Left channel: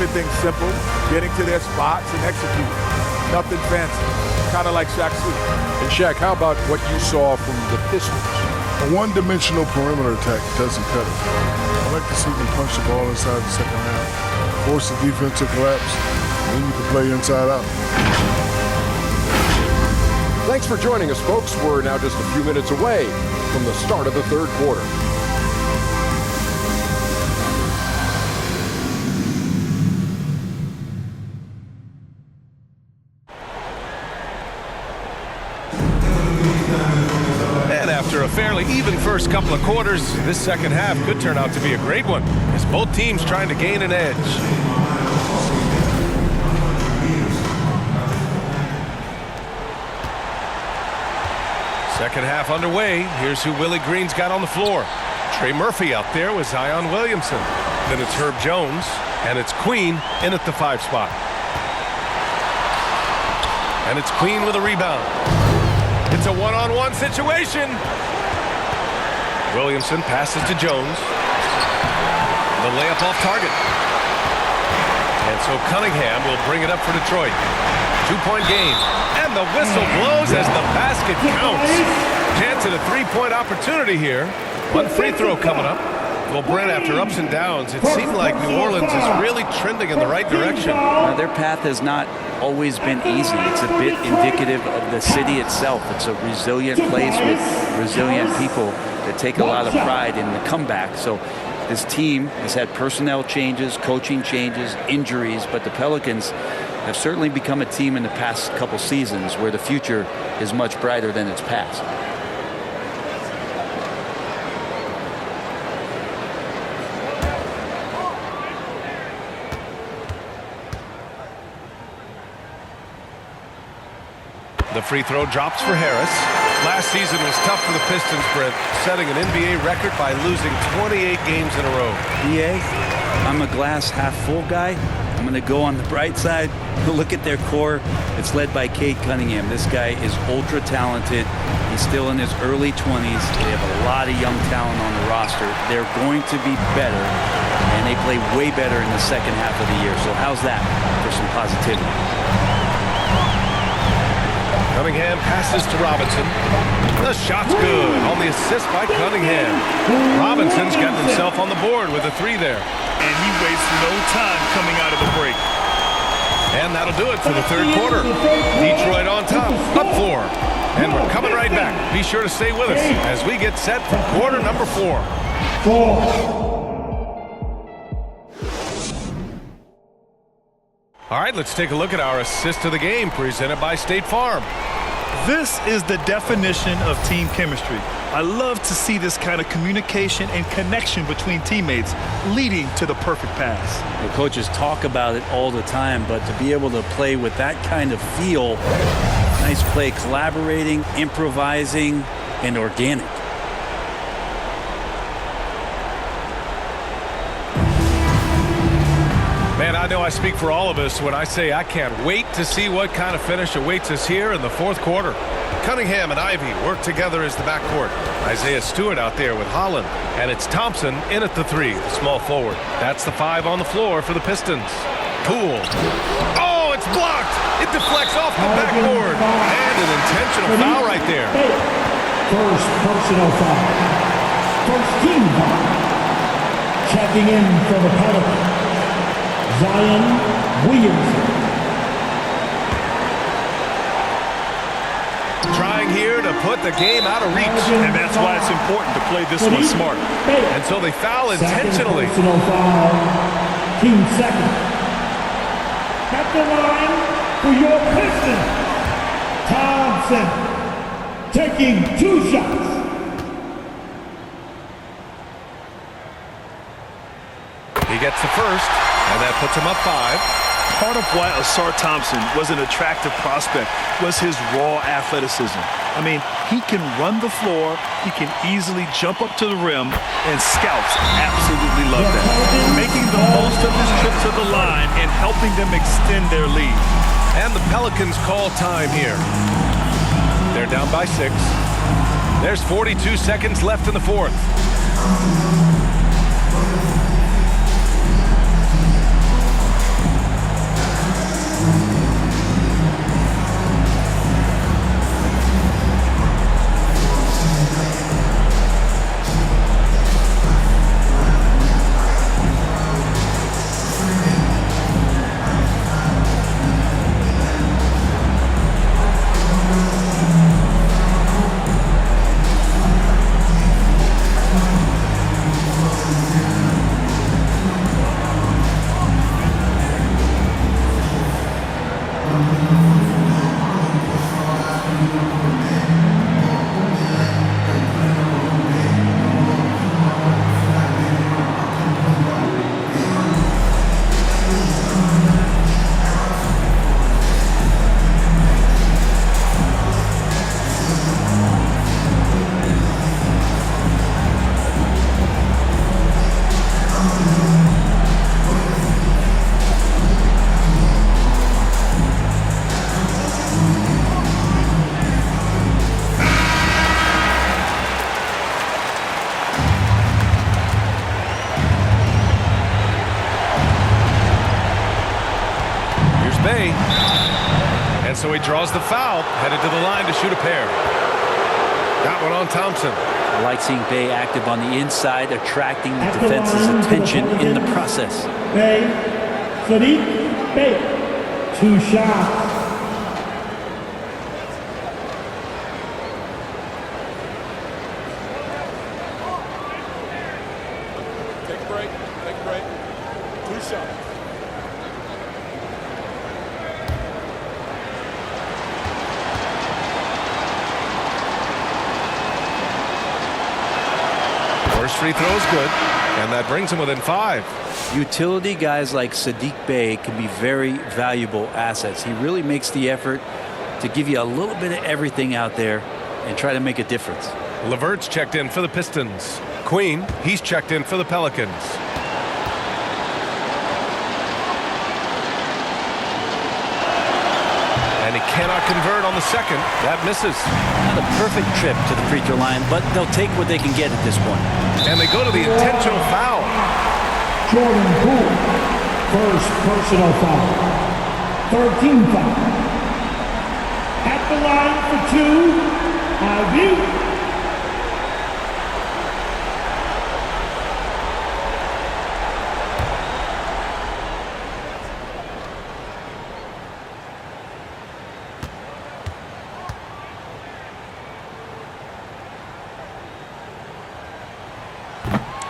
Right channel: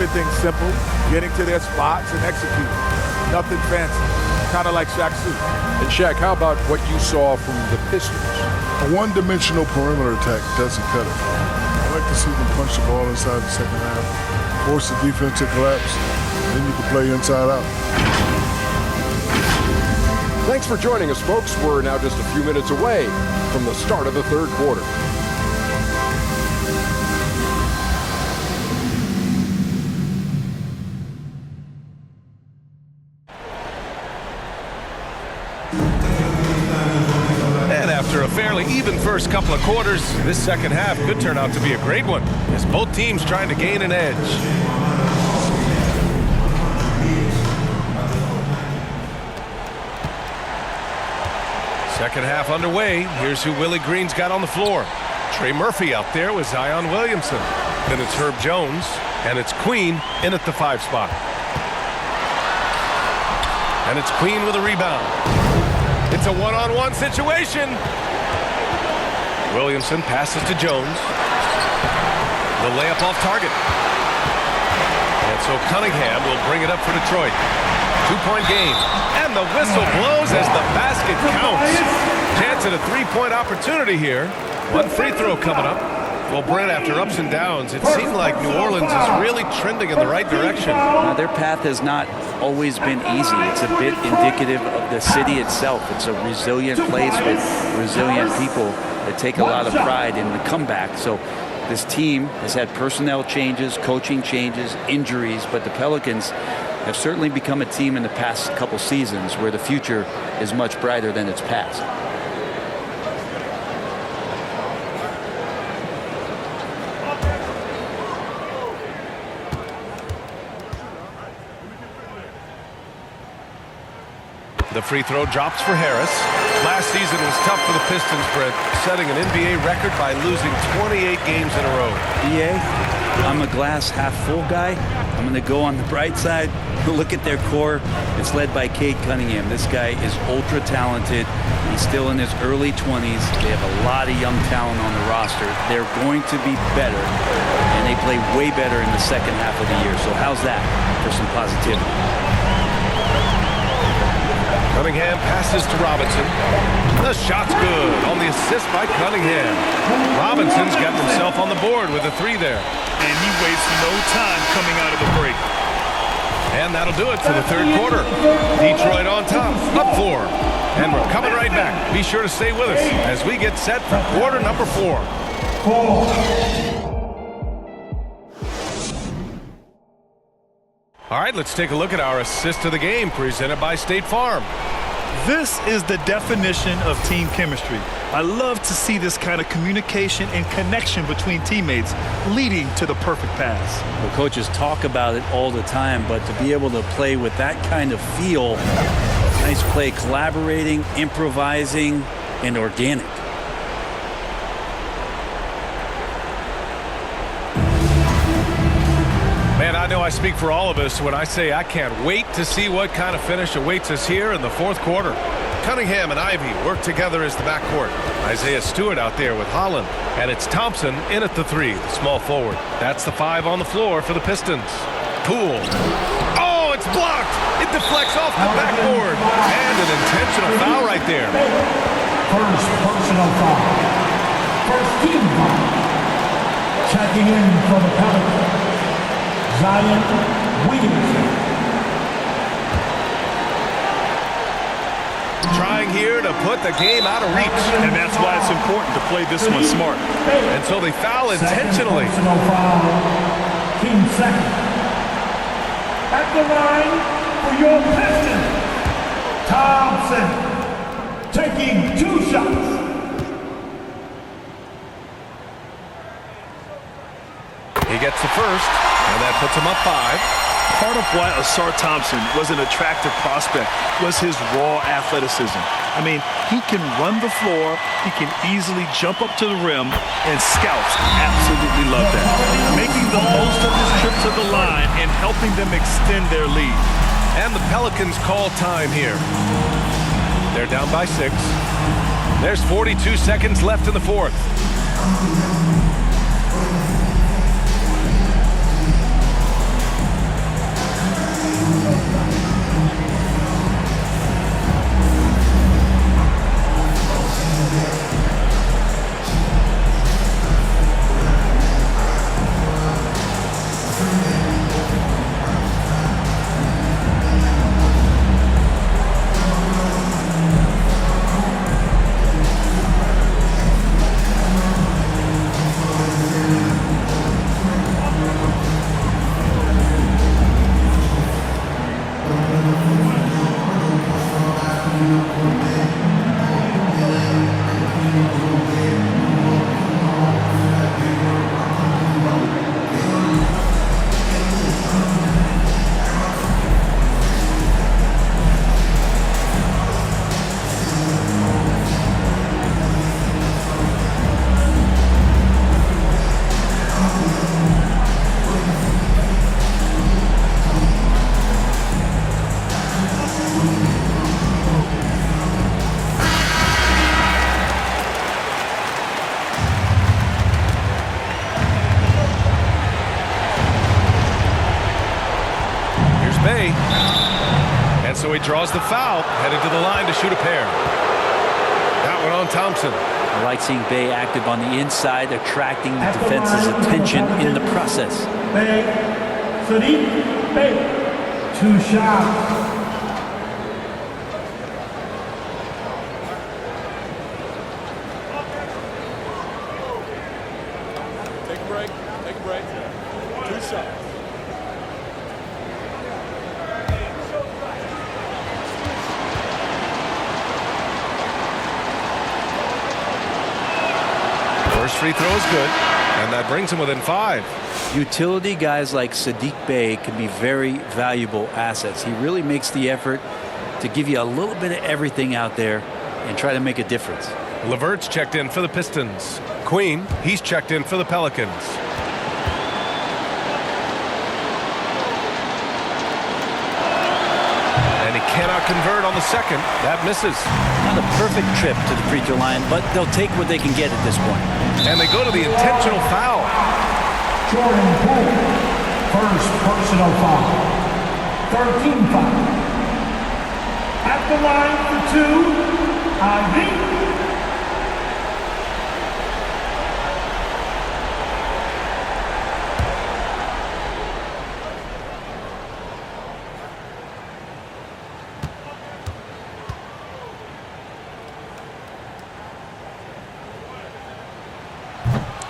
keeping things simple, getting to their spots and executing. Nothing fancy, kind of like Shaq Fu. And Shaq, how about what you saw from the Pistons? A one-dimensional perimeter attack doesn't cut it. I like to see them punch the ball inside the second half, force the defense to collapse, and then you can play inside out. Thanks for joining us, folks. We're now just a few minutes away from the start of the third quarter. And after a fairly even first couple of quarters, this second half could turn out to be a great one, as both teams trying to gain an edge. Second half underway. Here's who Willie Green's got on the floor. Trey Murphy out there with Zion Williamson. Then it's Herb Jones, and it's Queen in at the 5 spot. And it's Queen with a rebound. It's a one-on-one situation. Williamson passes to Jones. The layup off target. And so Cunningham will bring it up for Detroit. 2-point game. And the whistle blows as the basket counts. Chance at a 3-point opportunity here. One free throw coming up. Well, Brent, after ups and downs, it seemed like New Orleans is really trending in the right direction. Their path has not always been easy. It's a bit indicative of the city itself. It's a resilient place with resilient people that take a lot of pride in the comeback. So this team has had personnel changes, coaching changes, injuries, but the Pelicans have certainly become a team in the past couple seasons where the future is much brighter than its past. The free throw drops for Harris. Last season was tough for the Pistons, Brent, setting an NBA record by losing 28 games in a row. BA, I'm a glass half full guy. I'm going to go on the bright side. Look at their core. It's led by Cade Cunningham. This guy is ultra talented. He's still in his early 20s. They have a lot of young talent on the roster. They're going to be better, and they play way better in the second half of the year. So how's that for some positivity? Cunningham passes to Robinson. The shot's good on the assist by Cunningham. Robinson's gotten himself on the board with a 3 there. And he wastes no time coming out of the break. And that'll do it for the third quarter. Detroit on top, up 4. And we're coming right back. Be sure to stay with us as we get set for quarter number 4. All right, let's take a look at our assist of the game presented by State Farm. This is the definition of team chemistry. I love to see this kind of communication and connection between teammates leading to the perfect pass. Well, coaches talk about it all the time, but to be able to play with that kind of feel, nice play, collaborating, improvising, and organic. Man, I know I speak for all of us when I say I can't wait to see what kind of finish awaits us here in the fourth quarter. Cunningham and Ivy work together as the backcourt. Isaiah Stewart out there with Holland. And it's Thompson in at the 3, the small forward. That's the 5 on the floor for the Pistons. Poole. Oh, it's blocked. It deflects off the backboard. And an intentional foul right there. First personal foul. First team foul. Checking in for the Pelicans, Zion Williamson. Trying here to put the game out of reach. And that's why it's important to play this one smart. And so they foul intentionally. Second personal foul. Team second. At the line for your Pistons, Thompson taking 2 shots. He gets the first, and that puts him up 5. Part of why Ausar Thompson was an attractive prospect was his raw athleticism. I mean, he can run the floor, he can easily jump up to the rim, and scouts absolutely love that. Making the most of his trip to the line and helping them extend their lead. And the Pelicans call time here. They're down by 6. There's 42 seconds left in the fourth. Bay. And so he draws the foul, headed to the line to shoot a pair. That one on Thompson. I like seeing Bay active on the inside, attracting the defense's attention in the process. Bay, Sadiq Bay, 2 shots. Take a break. Take a break. 2 shots. First free throw is good, and that brings him within 5. Utility guys like Sadiq Bay can be very valuable assets. He really makes the effort to give you a little bit of everything out there and try to make a difference. LeVert's checked in for the Pistons. Queen, he's checked in for the Pelicans. And he cannot convert on the second. That misses. Not a perfect trip to the free throw line, but they'll take what they can get at this point. And they go to the intentional foul. Jordan Poole, first personal foul. 13 foul. At the line for 2, Ivy.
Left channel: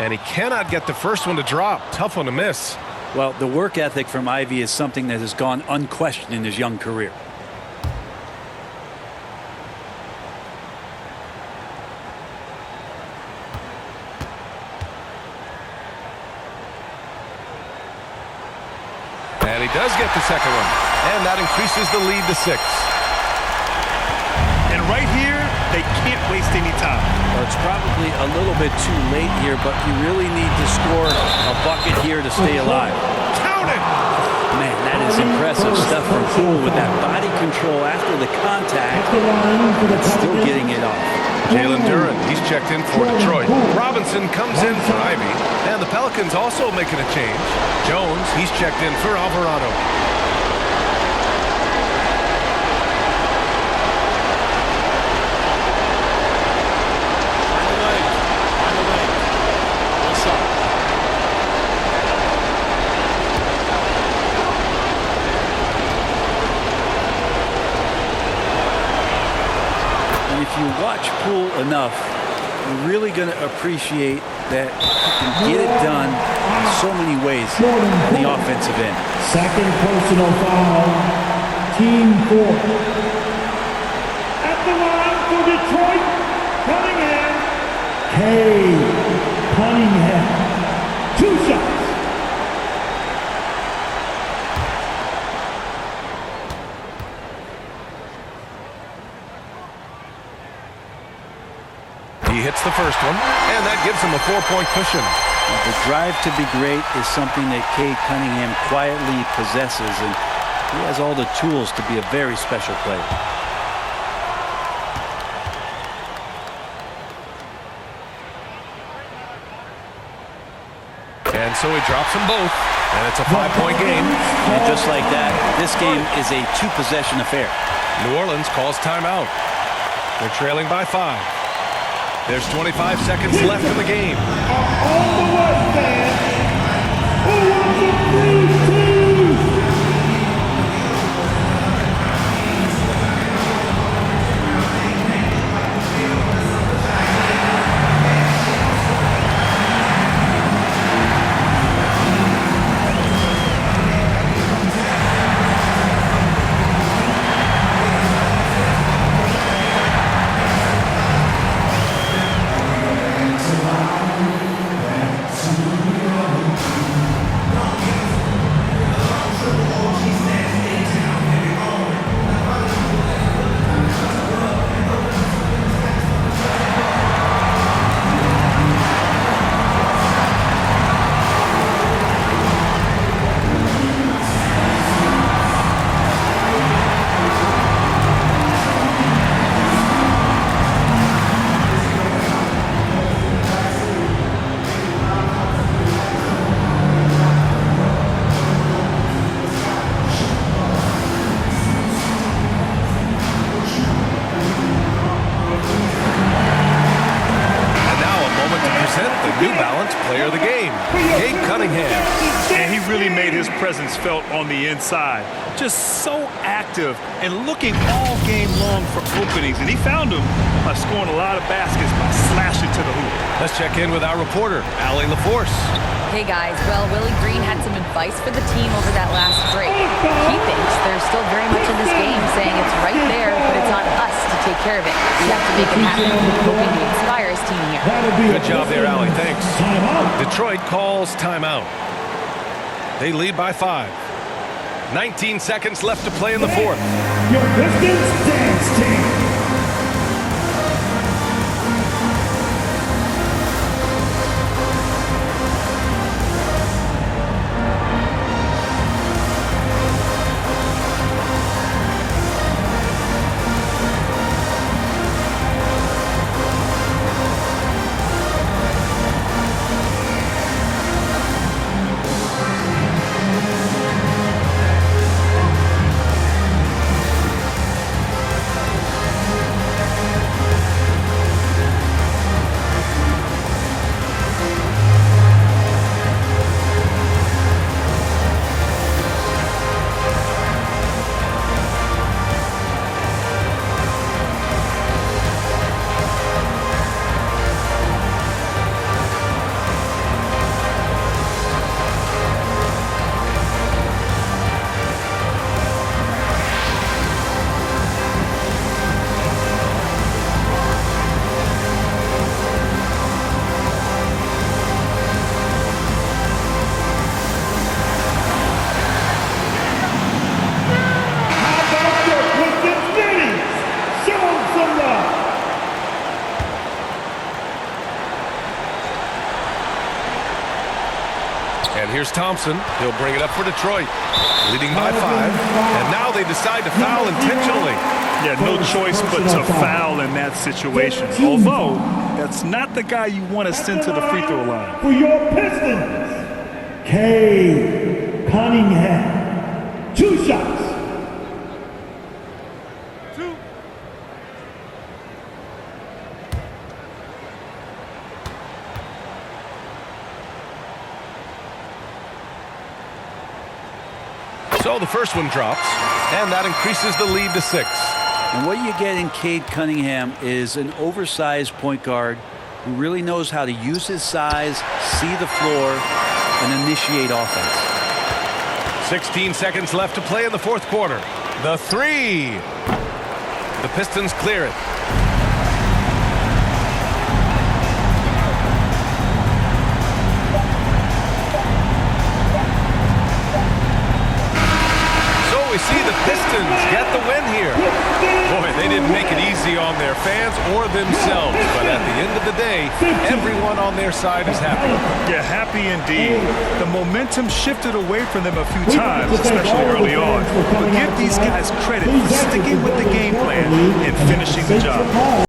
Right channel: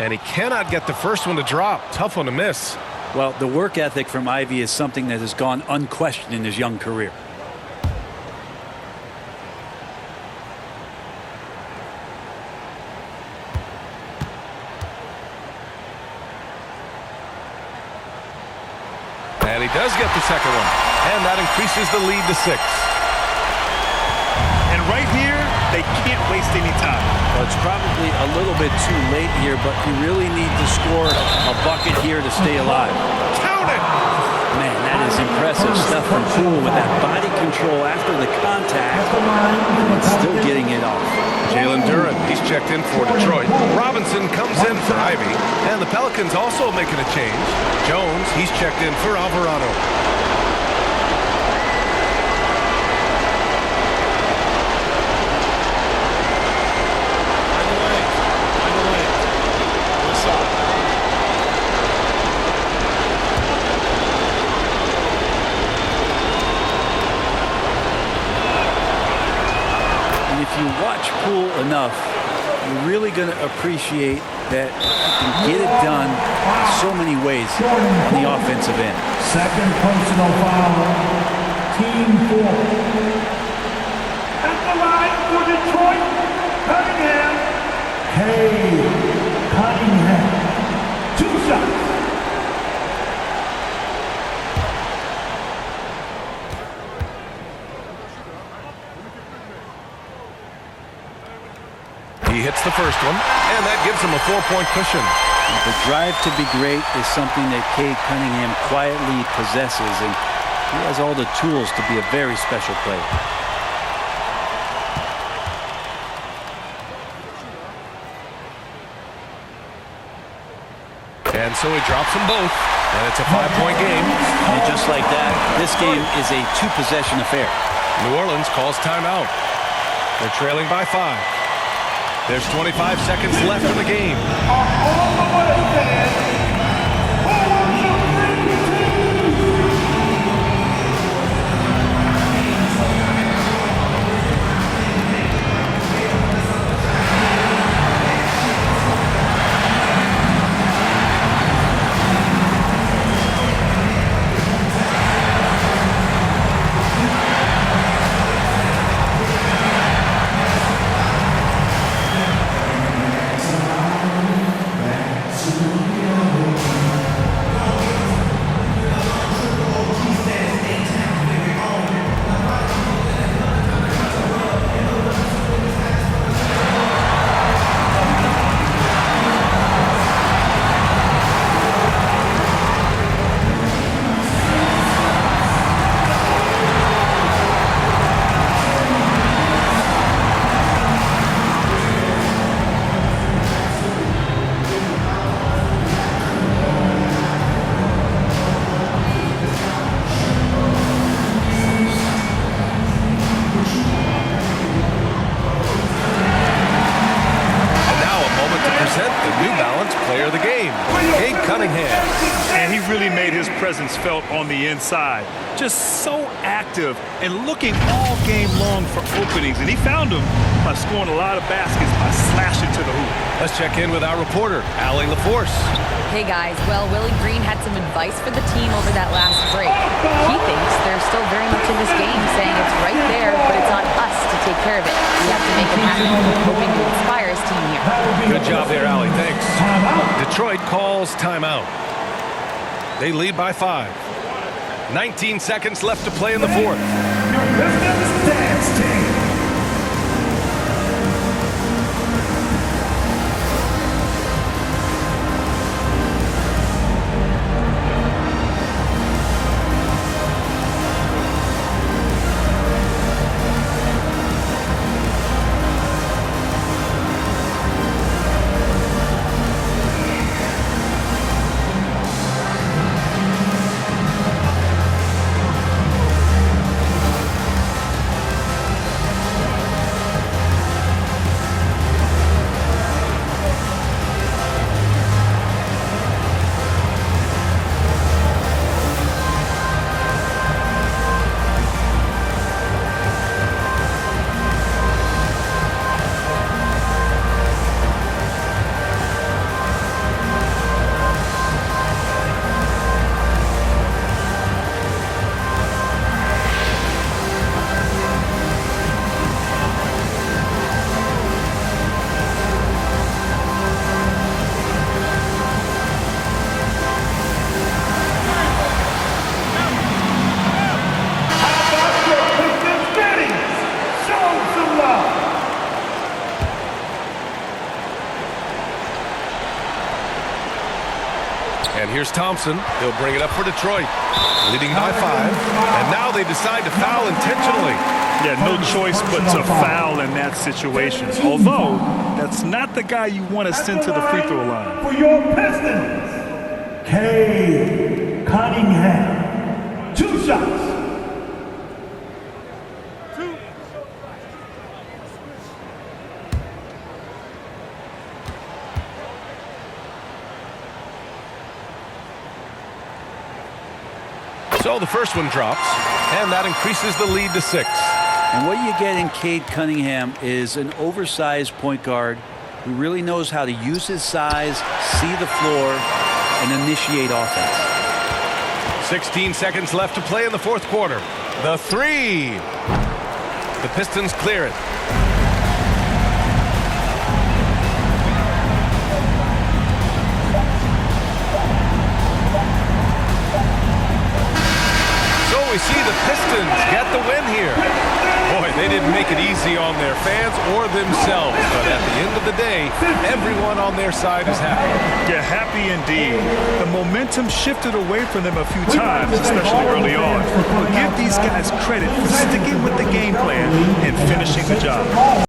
And he cannot get the first one to drop. Tough one to miss. Well, the work ethic from Ivy is something that has gone unquestioned in his young career. And he does get the second one. And that increases the lead to 6. And right here, they can't waste any time. Well, it's probably a little bit too late here, but you really need to score a bucket here to stay alive. Count it! Man, that is impressive stuff from Poole with that body control after the contact, but still getting it off. Jalen Duren, he's checked in for Detroit. Robinson comes in for Ivy. And the Pelicans also making a change. Jones, he's checked in for Alvarado. And if you watch Poole enough, you're really going to appreciate that he can get it done in so many ways on the offensive end. Second personal foul, team 4. At the line for Detroit, Cunningham. Cade Cunningham, 2 shots. He hits the first one, and that gives him a 4-point cushion. The drive to be great is something that Cade Cunningham quietly possesses, and he has all the tools to be a very special player. And so he drops them both, and it's a 5-point game. And just like that, this game is a 2-possession affair. New Orleans calls timeout. They're trailing by 5. There's 25 seconds left in the game. All the way, man. Who wants a free team? present the New Balance Player of the Game, Cade Cunningham. And he really made his presence felt on the inside. Just so active and looking all game long for openings. And he found them by scoring a lot of baskets by slashing to the hoop. Let's check in with our reporter, Allie LaForce. Hey guys, well, Willie Green had some advice for the team over that last break. He thinks they're still very much in this game, saying it's right there, but it's on us to take care of it. We have to make it happen, hoping to inspire his team here. Good job there, Allie. Thanks. Detroit calls timeout. They lead by 5. 19 seconds left to play in the fourth. Your Pistons dance team. And here's Thompson. He'll bring it up for Detroit, leading by 5. And now they decide to foul intentionally. Yeah, no choice but to foul in that situation. Although, that's not the guy you want to send to the free throw line. For your Pistons, Cade Cunningham. 2 shots. So the first one drops, and that increases the lead to 6. And what you get in Cade Cunningham is an oversized point guard who really knows how to use his size, see the floor, and initiate offense. 16 seconds left to play in the fourth quarter. The 3. The Pistons clear it. We see the Pistons get the win here. Boy, they didn't make it easy on their fans or themselves, but at the end of the day, everyone on their side is happy. Yeah, happy indeed. The momentum shifted away from them a few times, especially early on. But give these guys credit for sticking with the game plan and finishing the job.